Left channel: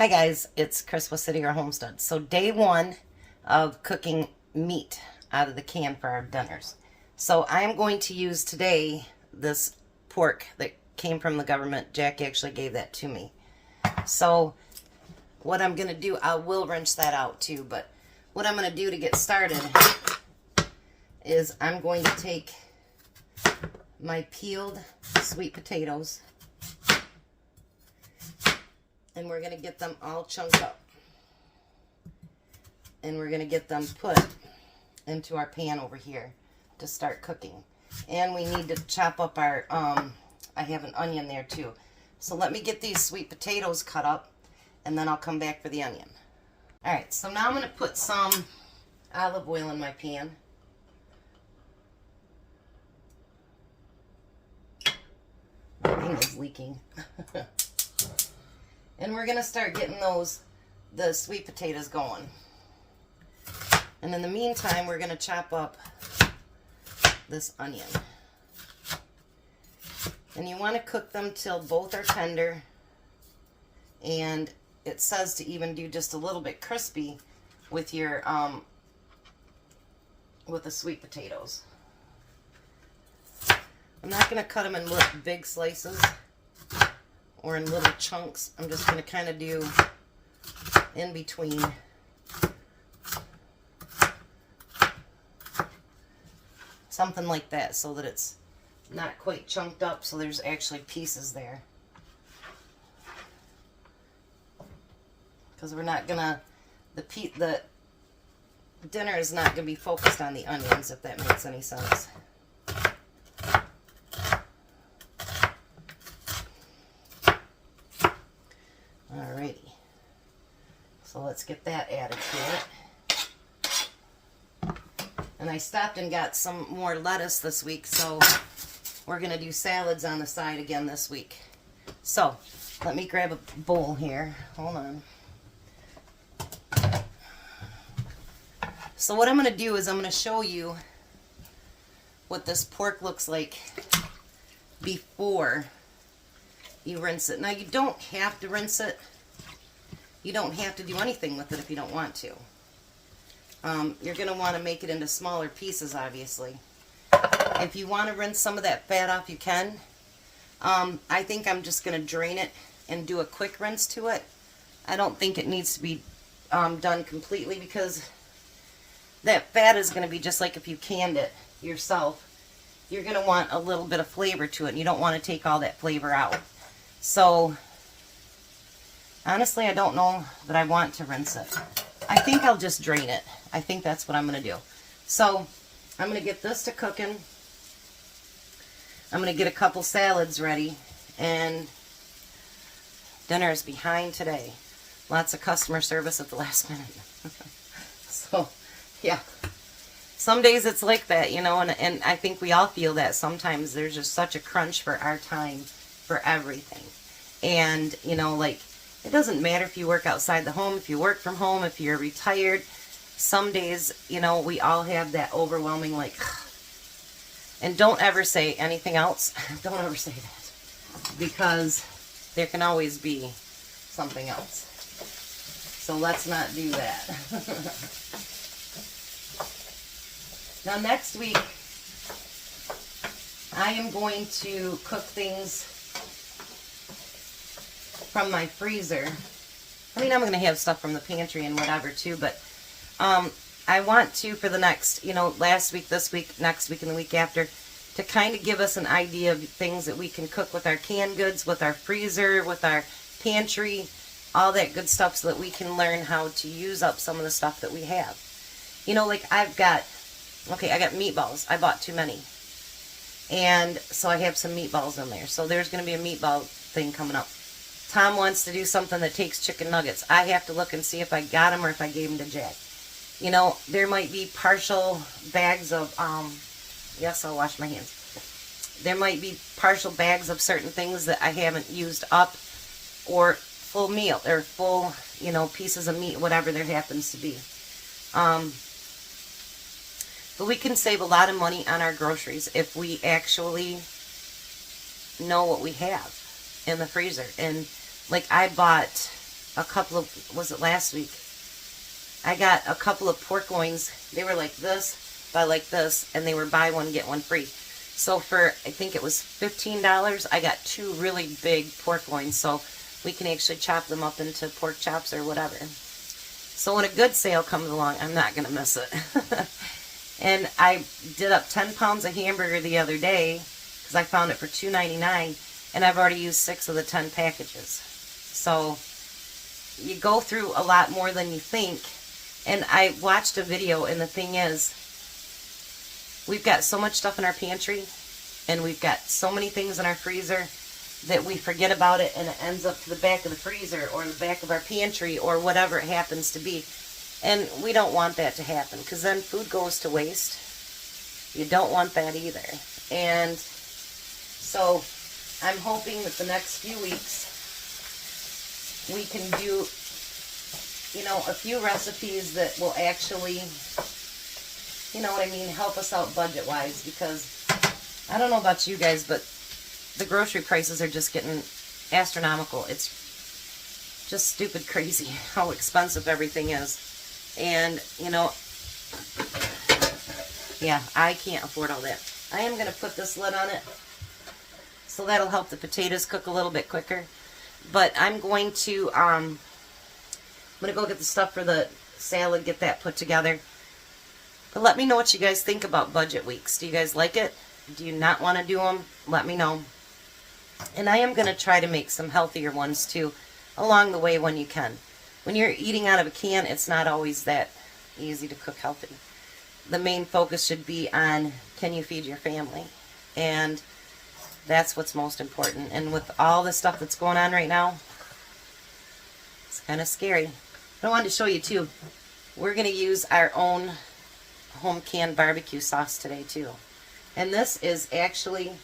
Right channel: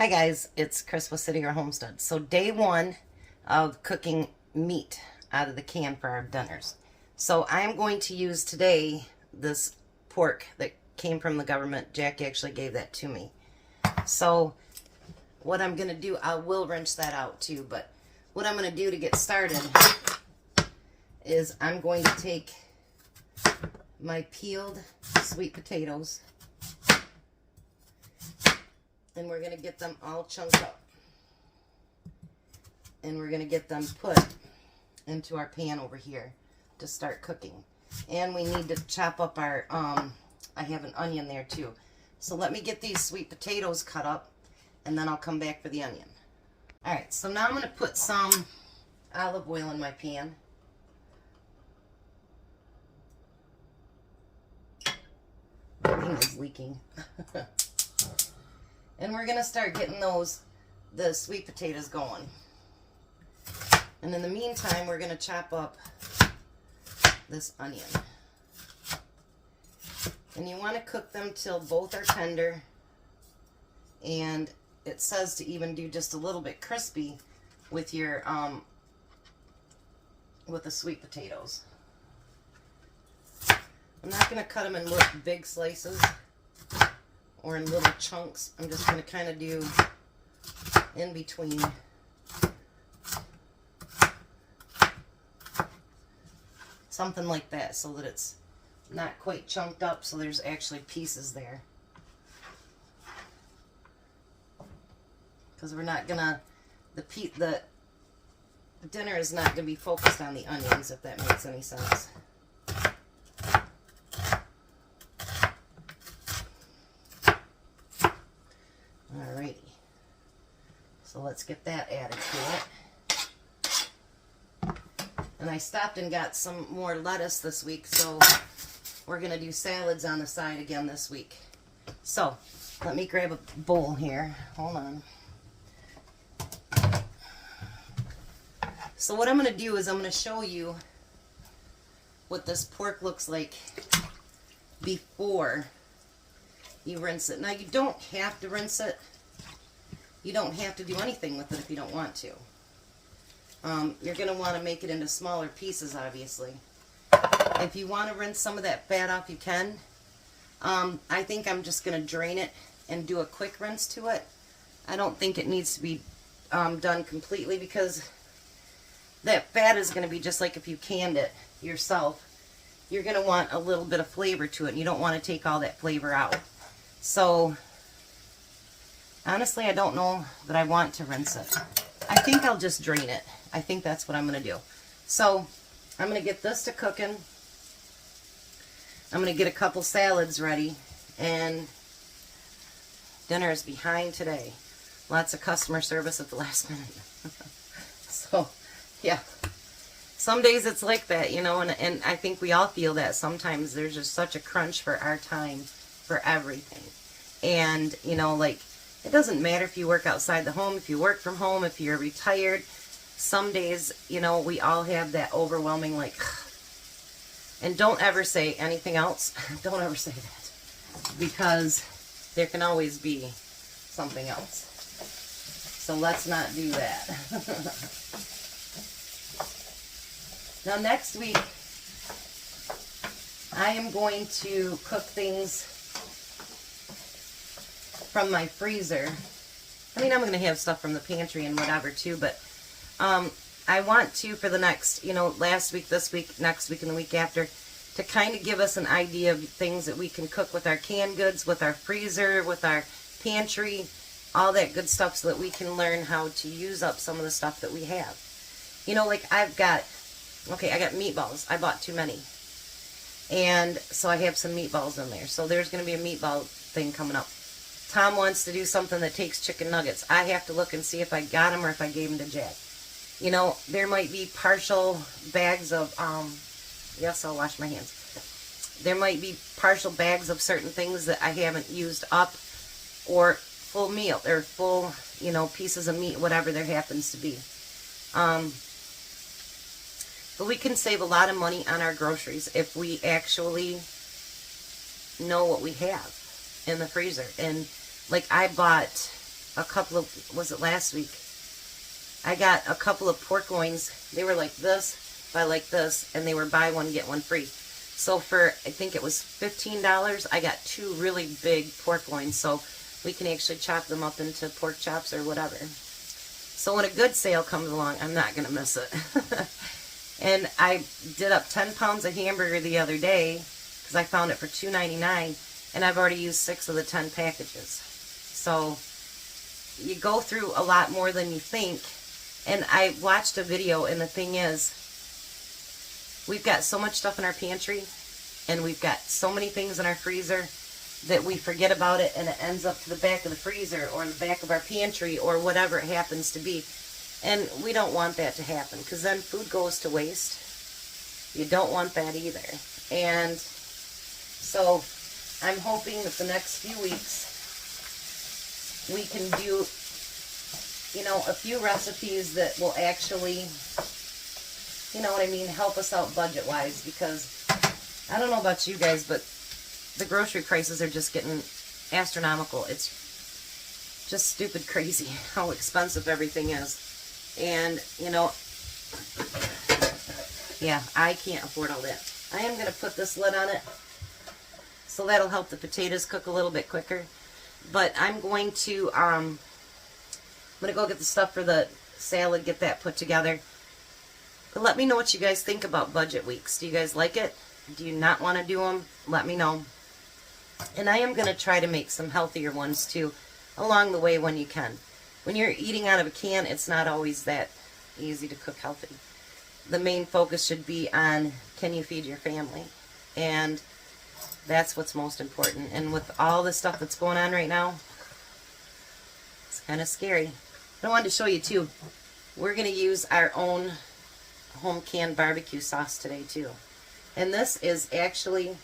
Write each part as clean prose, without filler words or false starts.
Hi guys, it's Chris with City or Homestead. So day one of cooking meat out of the can for our dinners. So I am going to use today this pork that came from the government. Jack actually gave that to me. So what I'm going to do, I will rinse that out too, but what I'm going to do to get started is I'm going to take my peeled sweet potatoes and we're going to get them all chunked up. And we're going to get them put into our pan over here to start cooking. And we need to chop up our, I have an onion there too. So let me get these sweet potatoes cut up and then I'll come back for the onion. Alright, so now I'm going to put some olive oil in my pan. My thing is leaking. And we're going to start getting the sweet potatoes going. And in the meantime, we're going to chop up this onion. And you want to cook them till both are tender. And it says to even do just a little bit crispy with your, with the sweet potatoes. I'm not going to cut them in big slices or in little chunks. I'm just going to kind of do in between. Something like that so that it's not quite chunked up, so there's actually pieces there. Because we're not going to, the dinner is not going to be focused on the onions, if that makes any sense. Alrighty, so let's get that added to it. And I stopped and got some more lettuce this week, so we're going to do salads on the side again this week. So, let me grab a bowl here. Hold on. So what I'm going to do is I'm going to show you what this pork looks like before you rinse it. Now, you don't have to rinse it. You don't have to do anything with it if you don't want to. You're going to want to make it into smaller pieces, obviously. If you want to rinse some of that fat off, you can. I think I'm just going to drain it and do a quick rinse to it. I don't think it needs to be done completely because that fat is going to be just like if you canned it yourself. You're going to want a little bit of flavor to it, and you don't want to take all that flavor out. So, honestly, I don't know that I want to rinse it. I think I'll just drain it. I think that's what I'm going to do. So, I'm going to get this to cooking. I'm going to get a couple salads ready. And dinner is behind today. Lots of customer service at the last minute. So, yeah. Some days it's like that, you know, and I think we all feel that sometimes. There's just such a crunch for our time for everything. And, you know, like, it doesn't matter if you work outside the home, if you work from home, if you're retired. Some days, you know, we all have that overwhelming, like, and don't ever say anything else. Don't ever say that. Because there can always be something else. So let's not do that. Now next week, I am going to cook things from my freezer. I mean, I'm going to have stuff from the pantry and whatever too, but I want to, for the next, you know, last week, this week, next week, and the week after, to kind of give us an idea of things that we can cook with our canned goods, with our freezer, with our pantry, all that good stuff, so that we can learn how to use up some of the stuff that we have. You know, like I got meatballs. I bought too many. And so I have some meatballs in there. So there's going to be a meatball thing coming up. Tom wants to do something that takes chicken nuggets. I have to look and see if I got them or if I gave them to Jack. You know, there might be partial bags of, yes, I'll wash my hands. There might be partial bags of certain things that I haven't used up, or full meal, or full, you know, pieces of meat, whatever there happens to be. But we can save a lot of money on our groceries if we actually know what we have in the freezer. And like I bought a couple of, was it last week? I got a couple of pork loins. They were like this by like this, and they were buy one, get one free. So for, I think it was $15, I got 2 really big pork loins. So we can actually chop them up into pork chops or whatever. So when a good sale comes along, I'm not going to miss it. And I did up 10 pounds of hamburger the other day because I found it for $2.99, and I've already used 6 of the 10 packages. So you go through a lot more than you think. And I watched a video, and the thing is, we've got so much stuff in our pantry, and we've got so many things in our freezer that we forget about it, and it ends up to the back of the freezer or in the back of our pantry or whatever it happens to be. And we don't want that to happen, because then food goes to waste. You don't want that either. And so I'm hoping that the next few weeks we can do, you know, a few recipes that will actually, you know what I mean, help us out budget-wise, because I don't know about you guys, but the grocery prices are just getting astronomical. It's just stupid crazy how expensive everything is. And, you know, yeah, I can't afford all that. I am going to put this lid on it, so that'll help the potatoes cook a little bit quicker. But I'm going to go get the stuff for the salad, get that put together. But let me know what you guys think about budget weeks. Do you guys like it? Do you not want to do them? Let me know. And I am going to try to make some healthier ones too along the way when you can. When you're eating out of a can, it's not always that easy to cook healthy. The main focus should be on, can you feed your family? And that's what's most important. And with all the stuff that's going on right now, it's kind of scary. I wanted to show you too, we're going to use our own home canned barbecue sauce today too. And this is actually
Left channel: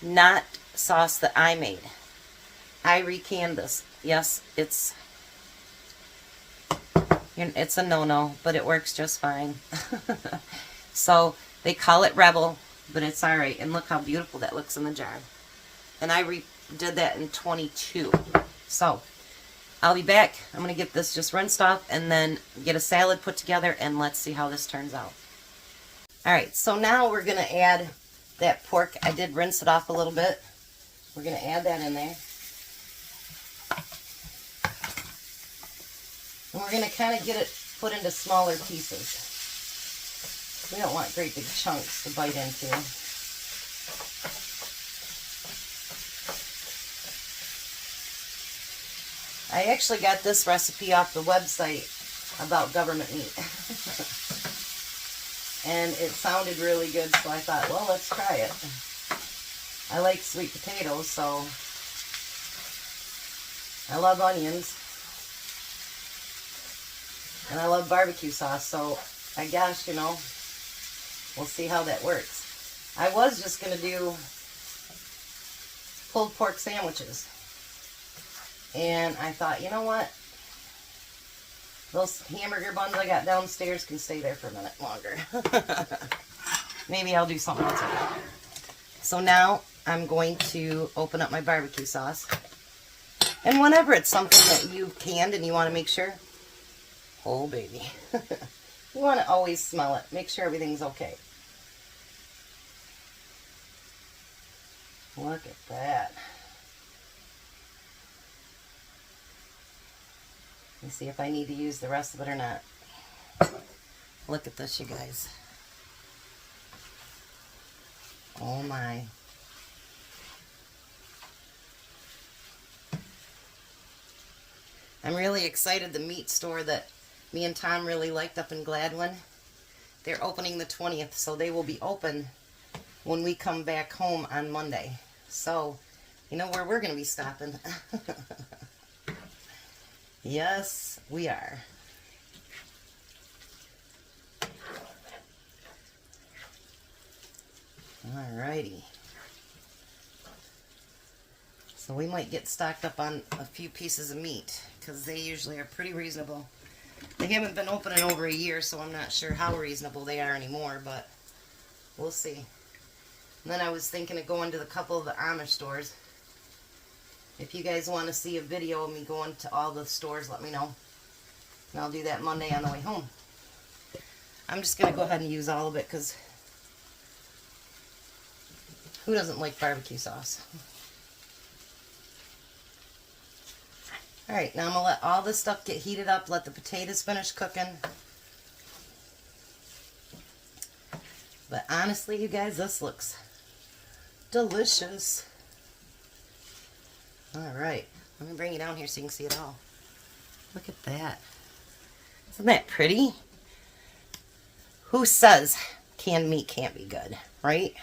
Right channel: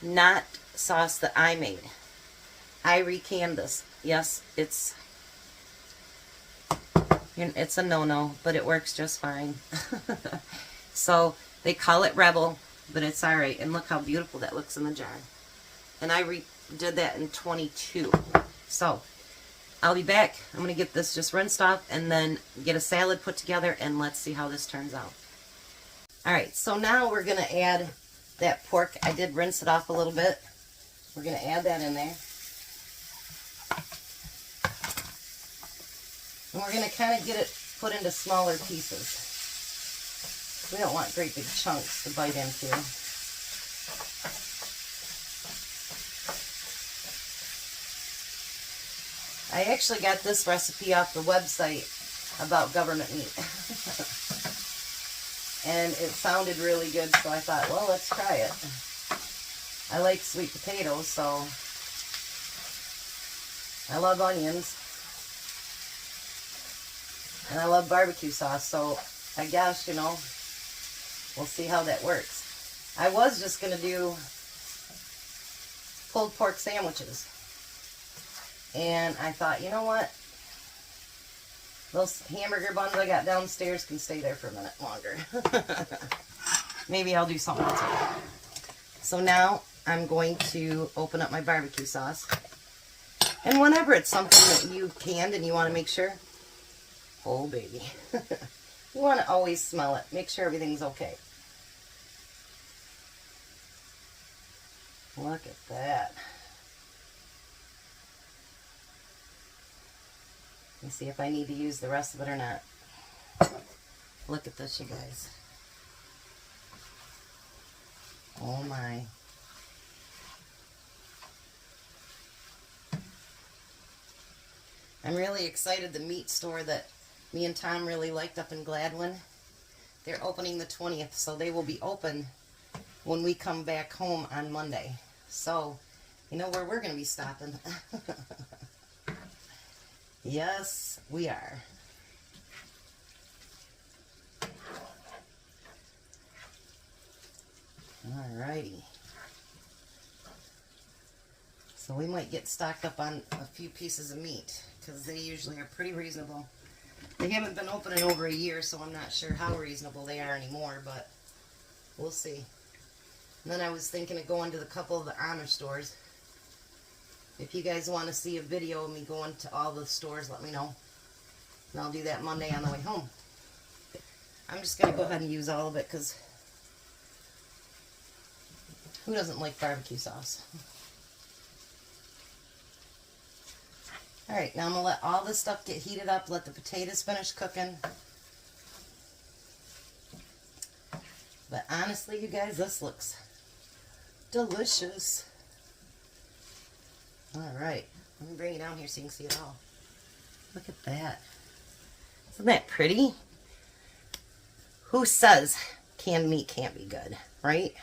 not sauce that I made. I recanned this. Yes, it's a no-no, but it works just fine. So they call it Rebel, but it's alright. And look how beautiful that looks in the jar. And I did that in 22. So I'll be back. I'm going to get this just rinsed off and then get a salad put together, and let's see how this turns out. Alright, so now we're going to add that pork. I did rinse it off a little bit. We're going to add that in there. And we're going to kind of get it put into smaller pieces. We don't want great big chunks to bite into. I actually got this recipe off the website about government meat. And it sounded really good, so I thought, well, let's try it. I like sweet potatoes, so I love onions. And I love barbecue sauce, so I guess, you know, we'll see how that works. I was just going to do pulled pork sandwiches. And I thought, you know what? Those hamburger buns I got downstairs can stay there for a minute longer. Maybe I'll do something else with that. So now I'm going to open up my barbecue sauce. And whenever it's something that you canned and you want to make sure, oh baby, you want to always smell it. Make sure everything's okay. Look at that. Let me see if I need to use the rest of it or not. Look at this, you guys. Oh my. I'm really excited. The meat store that me and Tom really liked up in Gladwin, they're opening the 20th, so they will be open when we come back home on Monday. So, you know where we're going to be stopping. Yes, we are. Alrighty. So we might get stocked up on a few pieces of meat, because they usually are pretty reasonable. They haven't been open in over a year, so I'm not sure how reasonable they are anymore, but we'll see. And then I was thinking of going to a couple of the Amish stores If you guys want to see a video of me going to all the stores, let me know. And I'll do that Monday on the way home. I'm just going to go ahead and use all of it because who doesn't like barbecue sauce? Alright, now I'm going to let all this stuff get heated up, let the potatoes finish cooking. But honestly, you guys, this looks delicious. Alright, let me bring you down here so you can see it all. Look at that. Isn't that pretty? Who says canned meat can't be good, right?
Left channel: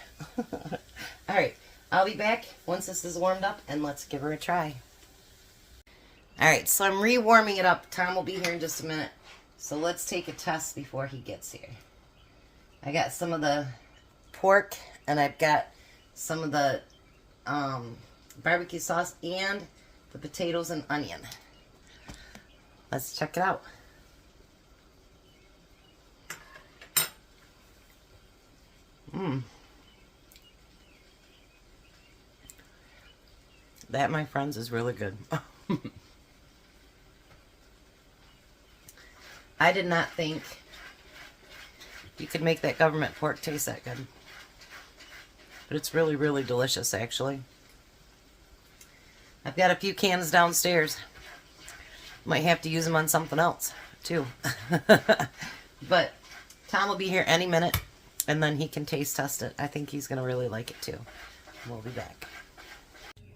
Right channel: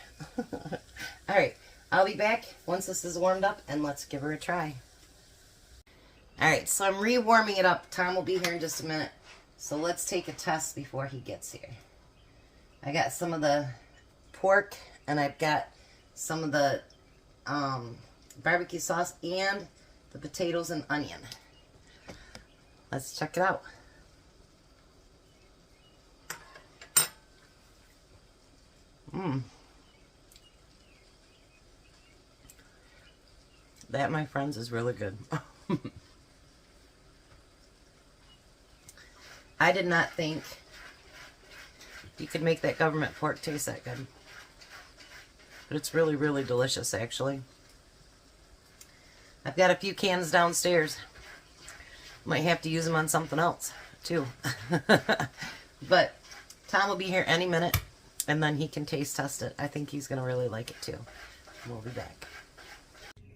Alright, I'll be back once this is warmed up and let's give her a try. Alright, so I'm re-warming it up. Tom will be here in just a minute. So let's take a test before he gets here. I got some of the pork and I've got some of the barbecue sauce and the potatoes and onion. Let's check it out. That, my friends, is really good. I did not think you could make that government pork taste that good. But it's really, really delicious, actually. I've got a few cans downstairs. Might have to use them on something else, too. But Tom will be here any minute, and then he can taste test it. I think he's going to really like it, too. We'll be back.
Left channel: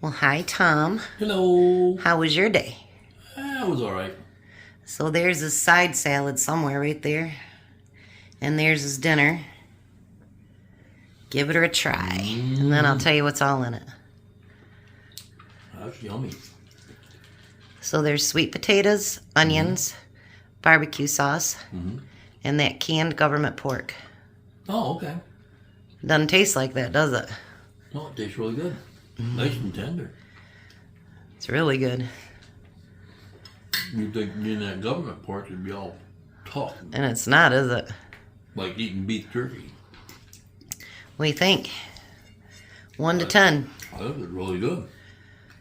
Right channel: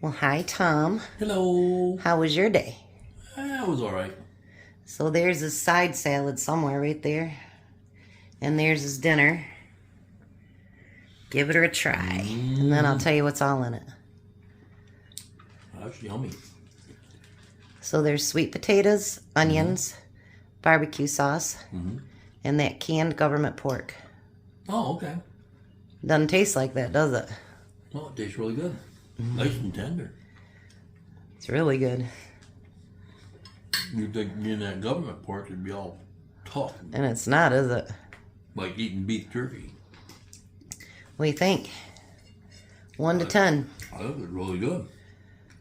Well, hi, Tom. Hello. How was your day? It was all right. So there's his side salad somewhere right there. And there's his dinner. Give it a try. And then I'll tell you what's all in it. That's yummy. So there's sweet potatoes, onions, barbecue sauce, and that canned government pork. Oh, okay. Doesn't taste like that, does it? No, it tastes really good. Nice and tender. It's really good. You'd think in that government pork would be all tough. And it's not, is it? Like eating beef jerky. What do you think? 1 to 10. I think it's really good.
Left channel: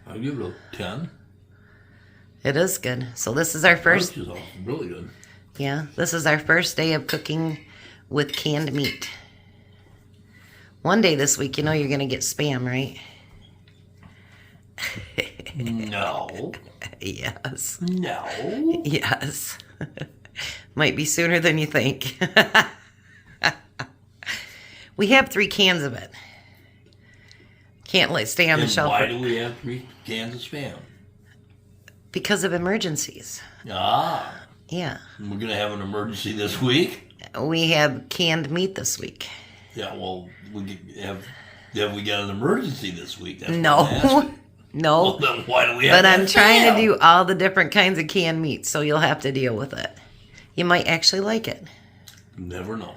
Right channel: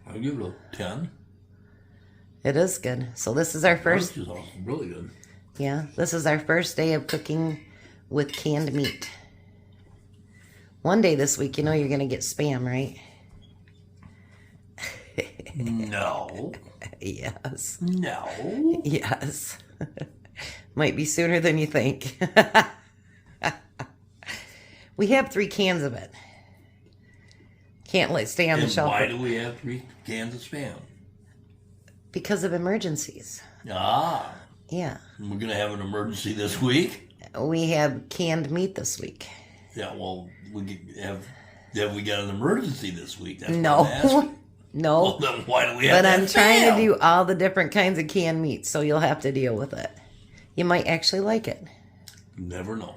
I'd give it a 10. It is good. So this is our first... This is awesome. Really good. Yeah, this is our first day of cooking with canned meat. One day this week, you know you're going to get Spam, right? No. Yes. No. Yes. Might be sooner than you think. We have 3 cans of it. Can't let it stay on the shelf. Why do we have 3 cans of Spam? Because of emergencies. Ah. Yeah. We're going to have an emergency this week? We have canned meat this week. Yeah, well, have we got an emergency this week? That's No. what I'm asking. No. Well, then why do we have But that I'm trying to Spam? do all the different kinds of canned meat, so you'll have to deal with it. You might actually like it. Never know.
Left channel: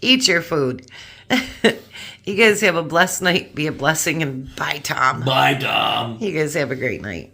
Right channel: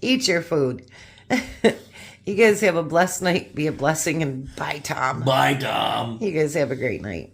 Eat your food. You guys have a blessed night. Be a blessing, and bye, Tom. Bye, Tom. You guys have a great night.